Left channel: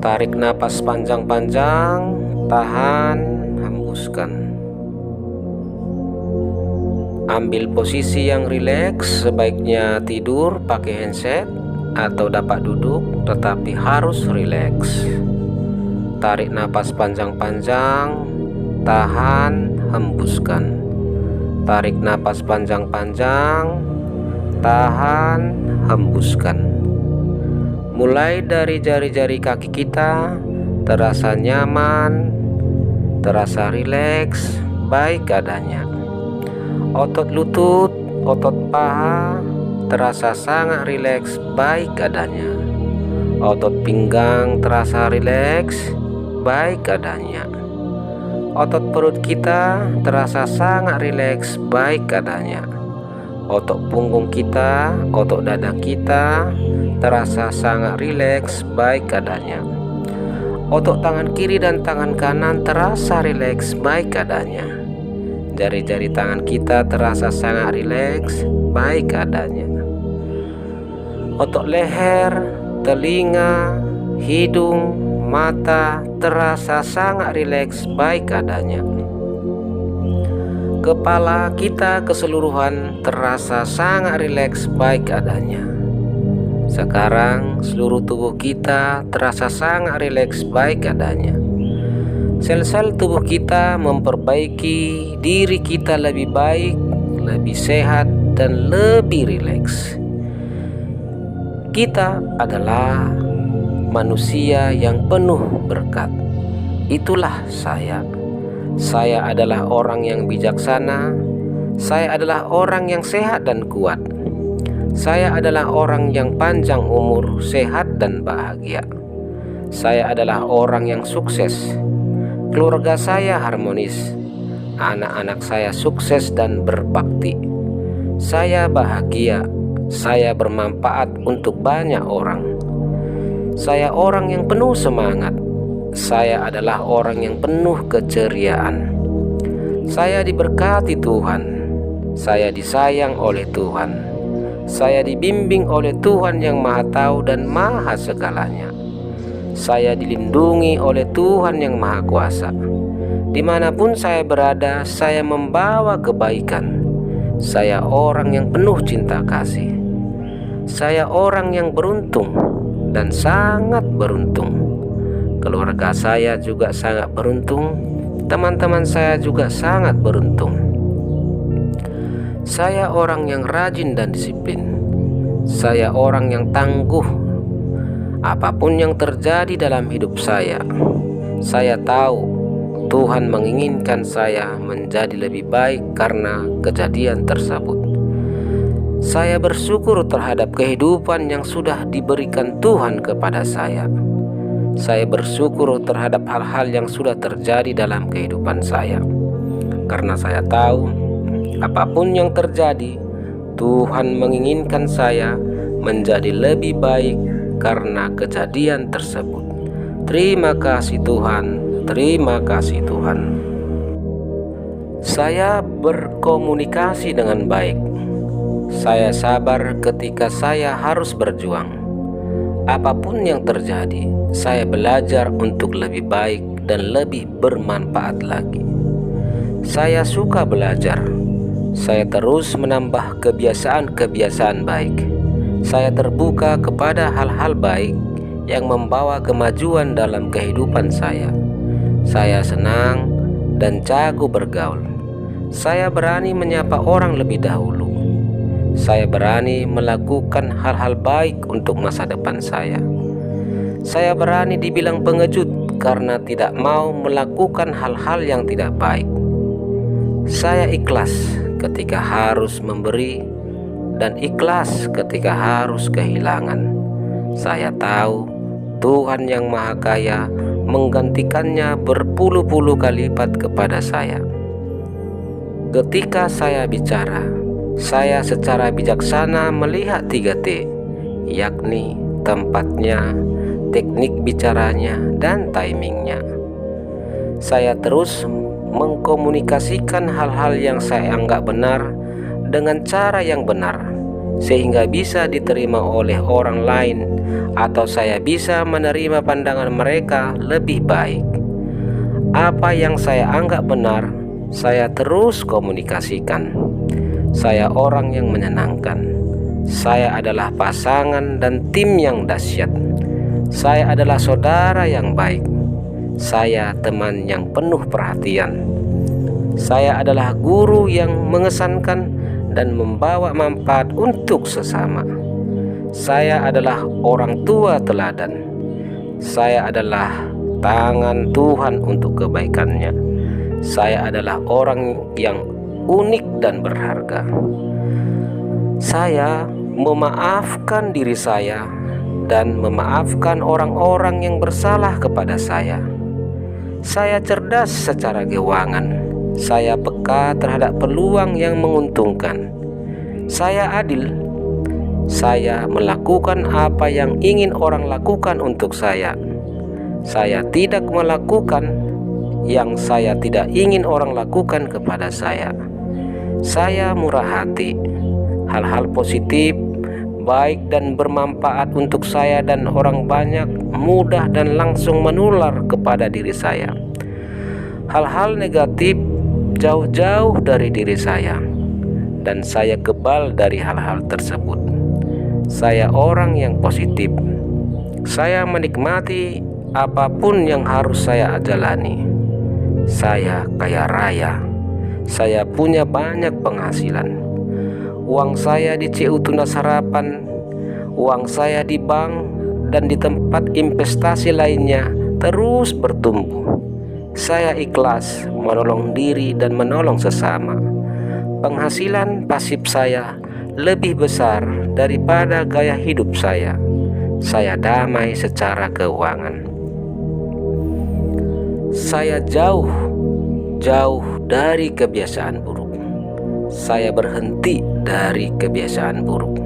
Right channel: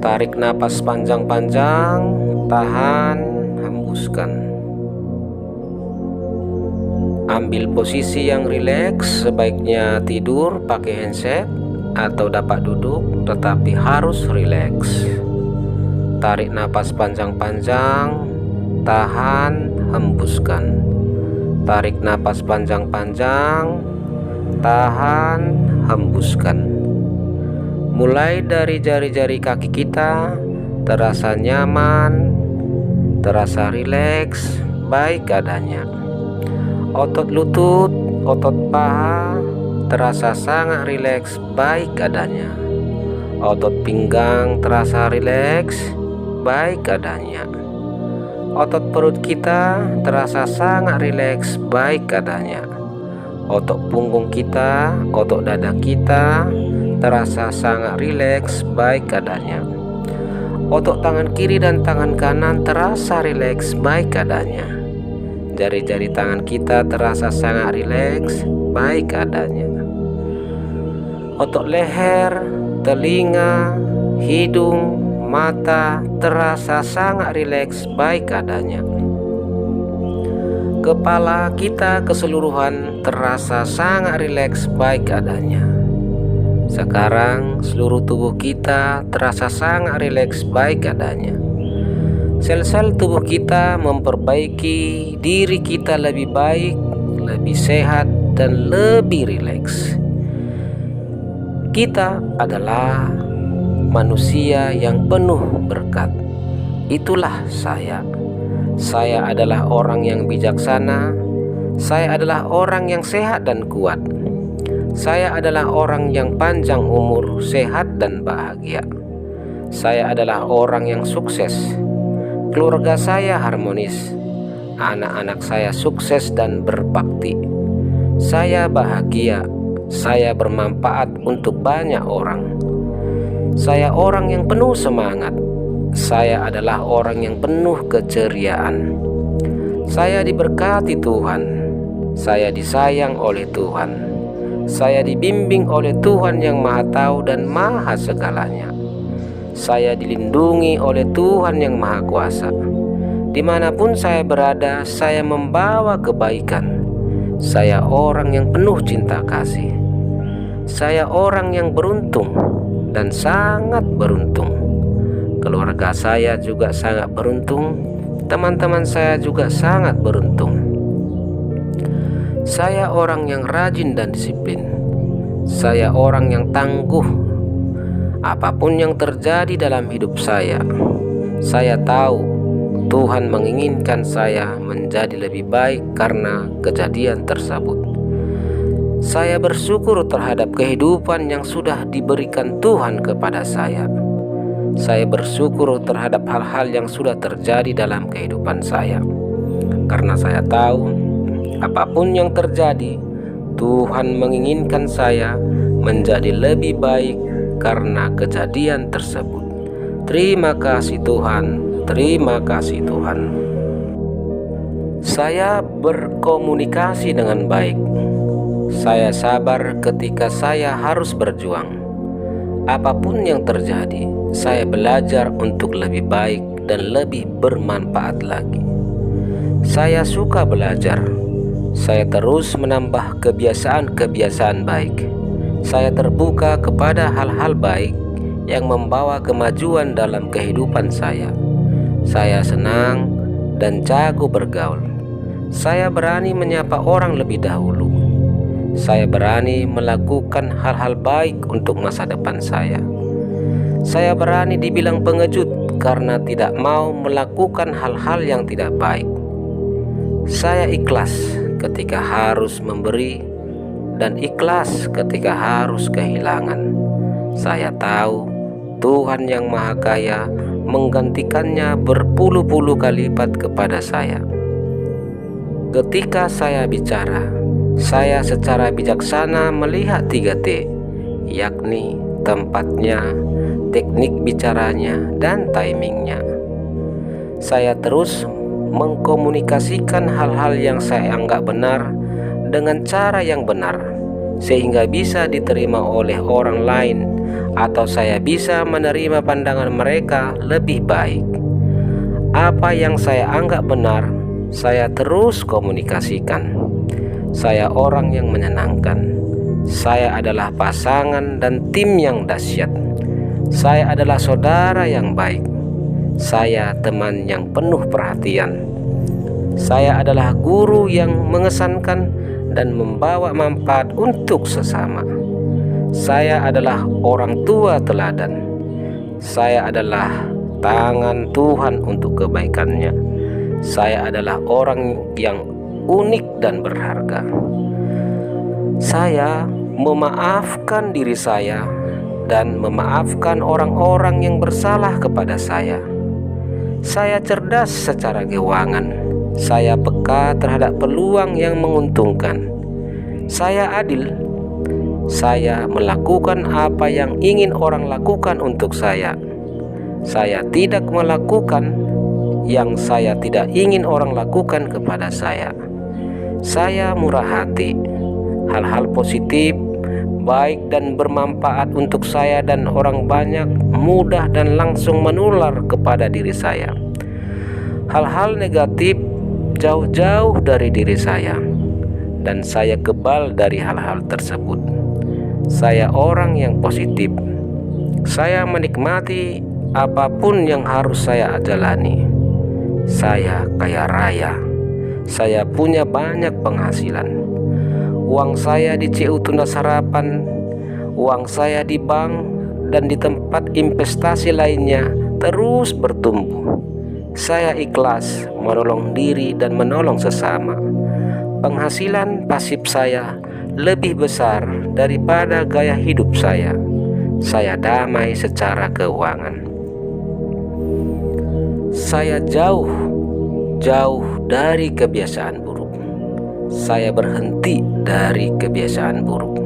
Tarik napas panjang-panjang, tahan, hembuskan. Ambil posisi yang rileks, sebaiknya tidur pakai handset atau dapat duduk, tetapi harus rileks. Tarik napas panjang-panjang, tahan, hembuskan. Tarik napas panjang-panjang, tahan, hembuskan. Mulai dari jari-jari kaki kita terasa nyaman, terasa rileks, baik adanya. Otot lutut, otot paha terasa sangat rileks, baik adanya. Otot pinggang terasa rileks, baik adanya. Otot perut kita terasa sangat rileks, baik adanya. Otot punggung kita, otot dada kita terasa sangat rileks, baik adanya. Otot tangan kiri dan tangan kanan terasa rileks, baik adanya. Jari-jari tangan kita terasa sangat rileks, baik adanya. Otot leher, telinga, hidung, mata terasa sangat rileks, baik adanya. Kepala kita keseluruhan terasa sangat rileks, baik adanya. Sekarang seluruh tubuh kita terasa sangat rileks, baik adanya. Sel-sel tubuh kita memperbaiki diri kita lebih baik, lebih sehat, dan lebih rileks. Kita adalah manusia yang penuh berkat. Itulah saya. Saya adalah orang yang bijaksana. Saya adalah orang yang sehat dan kuat. Saya adalah orang yang panjang umur, sehat dan bahagia. Saya adalah orang yang sukses. Keluarga saya harmonis. Anak-anak saya sukses dan berbakti. Saya bahagia. Saya bermanfaat untuk banyak orang. Saya orang yang penuh semangat. Saya adalah orang yang penuh keceriaan. Saya diberkati Tuhan. Saya disayang oleh Tuhan. Saya dibimbing oleh Tuhan yang Maha Tahu dan Maha Segalanya. Saya dilindungi oleh Tuhan yang Maha Kuasa. Dimanapun saya berada, saya membawa kebaikan. Saya orang yang penuh cinta kasih. Saya orang yang beruntung dan sangat beruntung. Keluarga saya juga sangat beruntung. Teman-teman saya juga sangat beruntung. Saya orang yang rajin dan disiplin. Saya orang yang tangguh. Apapun yang terjadi dalam hidup saya tahu Tuhan menginginkan saya menjadi lebih baik karena kejadian tersebut. Saya bersyukur terhadap kehidupan yang sudah diberikan Tuhan kepada saya. Saya bersyukur terhadap hal-hal yang sudah terjadi dalam kehidupan saya. Karena saya tahu apapun yang terjadi, Tuhan menginginkan saya menjadi lebih baik karena kejadian tersebut. Terima kasih Tuhan, terima kasih Tuhan. Saya berkomunikasi dengan baik. Saya sabar ketika saya harus berjuang. Apapun yang terjadi, saya belajar untuk lebih baik dan lebih bermanfaat lagi. Saya suka belajar. Saya terus menambah kebiasaan-kebiasaan baik. Saya terbuka kepada hal-hal baik yang membawa kemajuan dalam kehidupan saya. Saya senang dan jago bergaul. Saya berani menyapa orang lebih dahulu. Saya berani melakukan hal-hal baik untuk masa depan saya. Saya berani dibilang pengecut karena tidak mau melakukan hal-hal yang tidak baik. Saya ikhlas ketika harus memberi dan ikhlas ketika harus kehilangan. Saya tahu Tuhan yang Maha Kaya menggantikannya berpuluh-puluh kali lipat kepada saya. Ketika saya bicara, saya secara bijaksana melihat 3T, yakni tempatnya, teknik bicaranya, dan timingnya. Saya terus mengkomunikasikan hal-hal yang saya anggap benar dengan cara yang benar, sehingga bisa diterima oleh orang lain atau saya bisa menerima pandangan mereka lebih baik. Apa yang saya anggap benar, saya terus komunikasikan. Saya orang yang menyenangkan. Saya adalah pasangan dan tim yang dahsyat. Saya adalah saudara yang baik. Saya teman yang penuh perhatian. Saya adalah guru yang mengesankan dan membawa manfaat untuk sesama. Saya adalah orang tua teladan. Saya adalah tangan Tuhan untuk kebaikannya. Saya adalah orang yang unik dan berharga. Saya memaafkan diri saya dan memaafkan orang-orang yang bersalah kepada saya. Saya cerdas secara keuangan. Saya peka terhadap peluang yang menguntungkan. Saya adil. Saya melakukan apa yang ingin orang lakukan untuk saya. Saya tidak melakukan yang saya tidak ingin orang lakukan kepada saya. Saya murah hati. Hal-hal positif, baik dan bermanfaat untuk saya dan orang banyak mudah dan langsung menular kepada diri saya. Hal-hal negatif jauh-jauh dari diri saya, dan saya kebal dari hal-hal tersebut. Saya orang yang positif. Saya menikmati apapun yang harus saya jalani. Saya kaya raya. Saya punya banyak penghasilan. Uang saya di CU Tunas Harapan, uang saya di bank dan di tempat investasi lainnya terus bertumbuh. Saya ikhlas menolong diri dan menolong sesama. Penghasilan pasif saya lebih besar daripada gaya hidup saya. Saya damai secara keuangan. Saya jauh dari kebiasaan buruk. Saya berhenti dari kebiasaan buruk.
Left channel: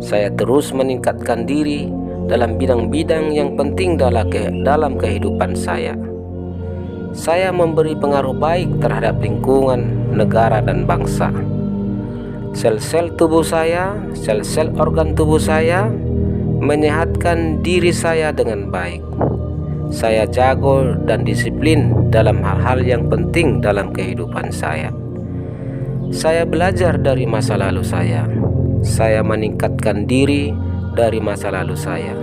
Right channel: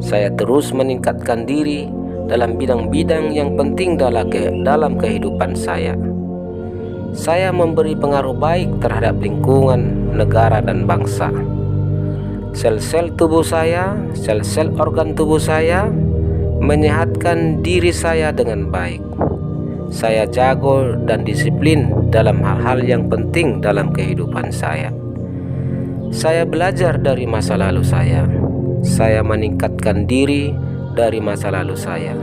Saya terus meningkatkan diri dalam bidang-bidang yang penting dalam kehidupan saya. Saya memberi pengaruh baik terhadap lingkungan, negara, dan bangsa. Sel-sel tubuh saya, sel-sel organ tubuh saya menyehatkan diri saya dengan baik. Saya jago dan disiplin dalam hal-hal yang penting dalam kehidupan saya. Saya belajar dari masa lalu saya. Saya meningkatkan diri dari masa lalu saya.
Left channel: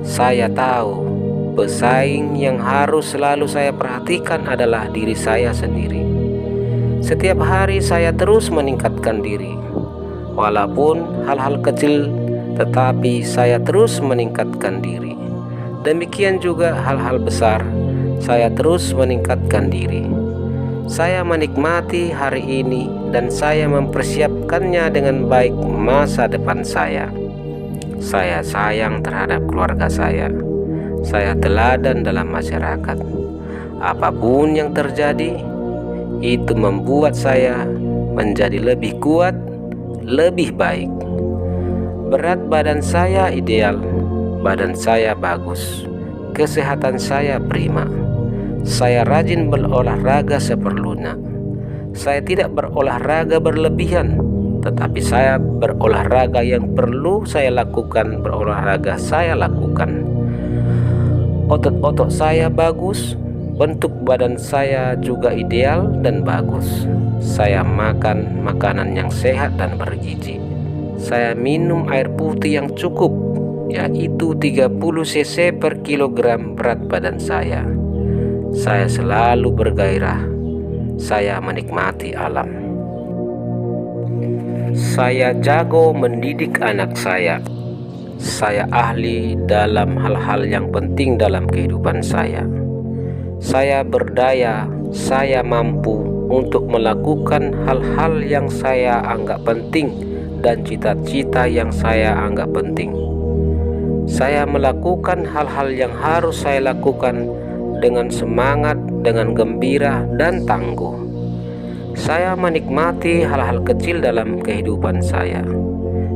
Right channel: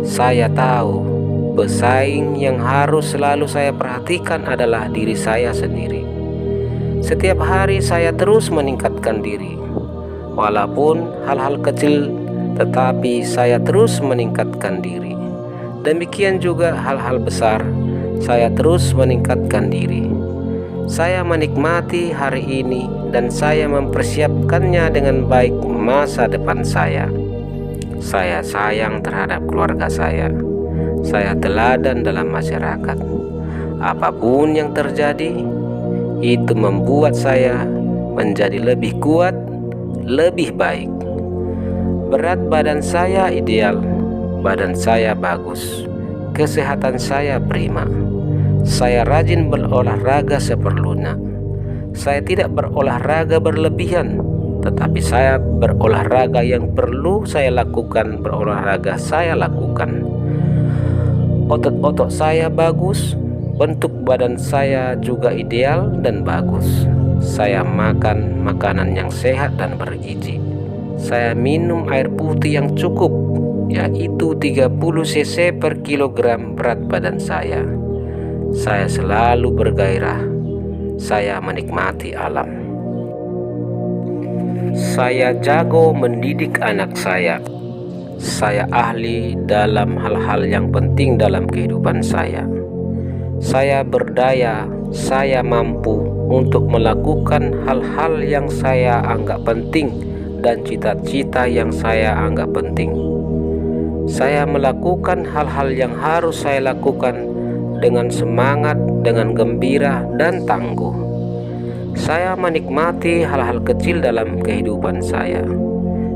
Saya tahu pesaing yang harus selalu saya perhatikan adalah diri saya sendiri. Setiap hari saya terus meningkatkan diri. Walaupun hal-hal kecil, tetapi saya terus meningkatkan diri. Demikian juga hal-hal besar, saya terus meningkatkan diri. Saya menikmati hari ini dan saya mempersiapkannya dengan baik masa depan saya. Saya sayang terhadap keluarga saya. Saya teladan dalam masyarakat. Apapun yang terjadi, itu membuat saya menjadi lebih kuat, lebih baik. Berat badan saya ideal, badan saya bagus, kesehatan saya prima. Saya rajin berolahraga seperlunya. Saya tidak berolahraga berlebihan, tetapi saya berolahraga yang perlu saya lakukan, berolahraga saya lakukan. Otot-otot saya bagus, bentuk badan saya juga ideal dan bagus. Saya makan makanan yang sehat dan bergizi. Saya minum air putih yang cukup, yaitu 30 cc per kilogram berat badan saya. Saya selalu bergairah. Saya menikmati alam. Saya jago mendidik anak saya. Saya ahli dalam hal-hal yang penting dalam kehidupan saya. Saya berdaya, saya mampu untuk melakukan hal-hal yang saya anggap penting dan cita-cita yang saya anggap penting. Saya melakukan hal-hal yang harus saya lakukan dengan semangat, dengan gembira dan tangguh. Saya menikmati hal-hal kecil dalam kehidupan saya.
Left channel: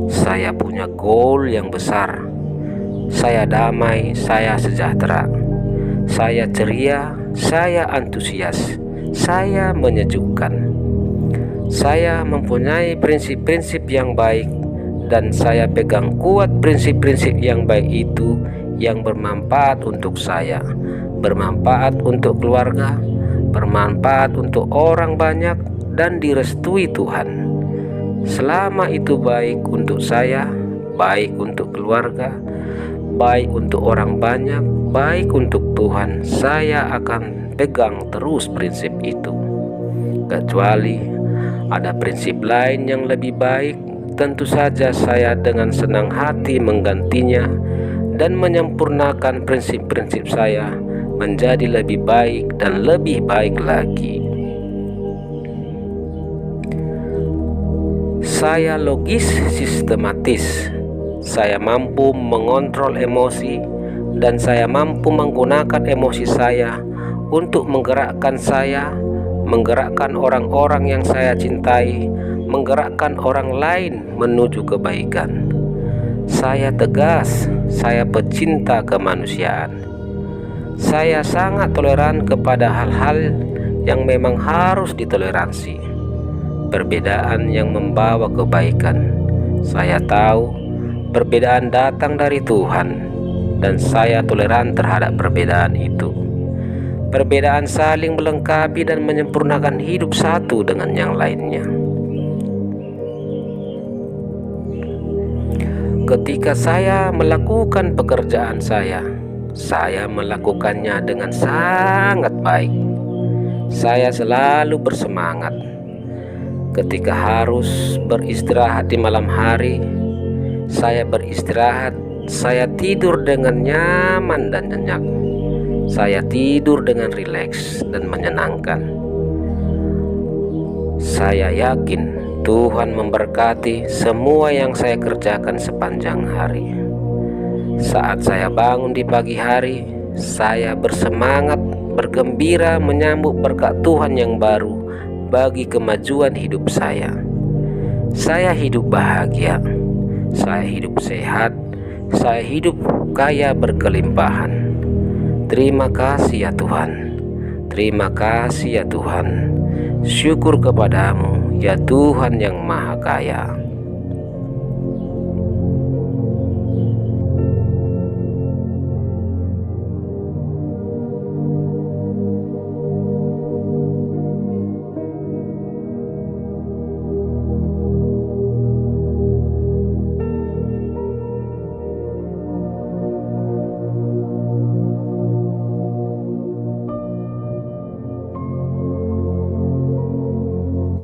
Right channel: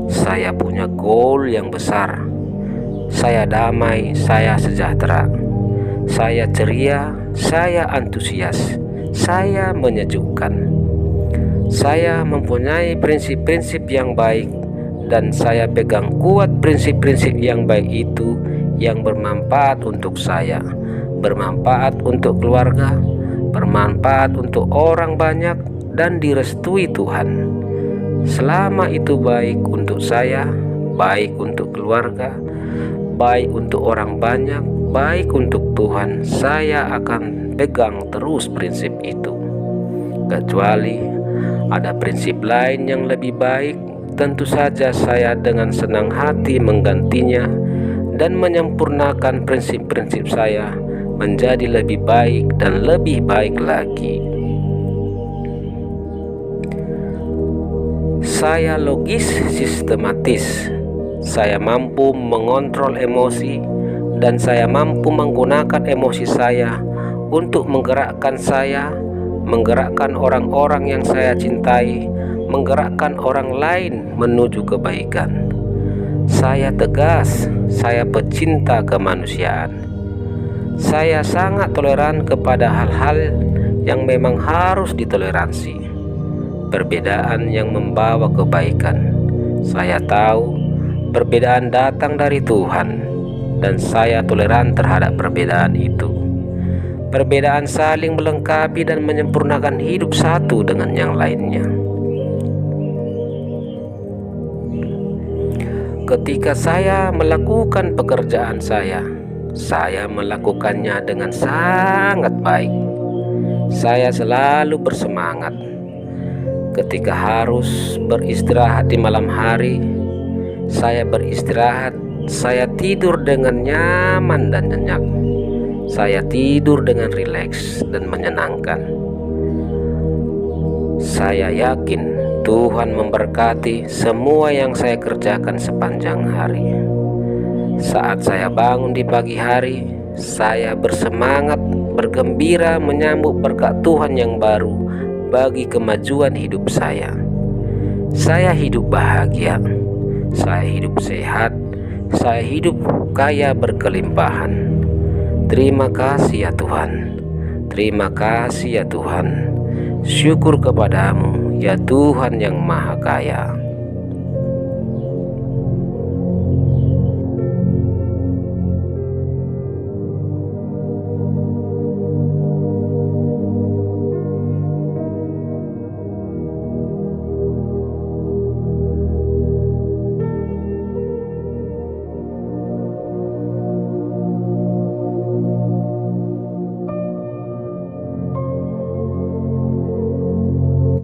Saya punya goal yang besar. Saya damai, saya sejahtera. Saya ceria, saya antusias, saya menyejukkan. Saya mempunyai prinsip-prinsip yang baik dan saya pegang kuat prinsip-prinsip yang baik itu, yang bermanfaat untuk saya, bermanfaat untuk keluarga, bermanfaat untuk orang banyak, dan direstui Tuhan. Selama itu baik untuk saya, baik untuk keluarga, baik untuk orang banyak, baik untuk Tuhan, saya akan pegang terus prinsip itu. Kecuali ada prinsip lain yang lebih baik, tentu saja saya dengan senang hati menggantinya dan menyempurnakan prinsip-prinsip saya menjadi lebih baik dan lebih baik lagi. Saya logis, sistematis. Saya mampu mengontrol emosi, dan saya mampu menggunakan emosi saya untuk menggerakkan orang-orang yang saya cintai, menggerakkan orang lain menuju kebaikan. Saya tegas, saya pecinta kemanusiaan. Saya sangat toleran kepada hal-hal yang memang harus ditoleransi. Perbedaan yang membawa kebaikan. Saya tahu perbedaan datang dari Tuhan, dan saya toleran terhadap perbedaan itu. Perbedaan saling melengkapi dan menyempurnakan hidup satu dengan yang lainnya. Ketika saya melakukan pekerjaan saya melakukannya dengan sangat baik. Saya selalu bersemangat. Ketika harus beristirahat di malam hari, saya beristirahat. Saya tidur dengan nyaman dan nyenyak. Saya tidur dengan rileks dan menyenangkan. Saya yakin Tuhan memberkati semua yang saya kerjakan sepanjang hari. Saat saya bangun di pagi hari, saya bersemangat, bergembira menyambut berkat Tuhan yang baru bagi kemajuan hidup saya. Saya hidup bahagia, saya hidup sehat, saya hidup kaya berkelimpahan. Terima kasih ya Tuhan, terima kasih ya Tuhan. Syukur kepadamu ya Tuhan yang Maha Kaya.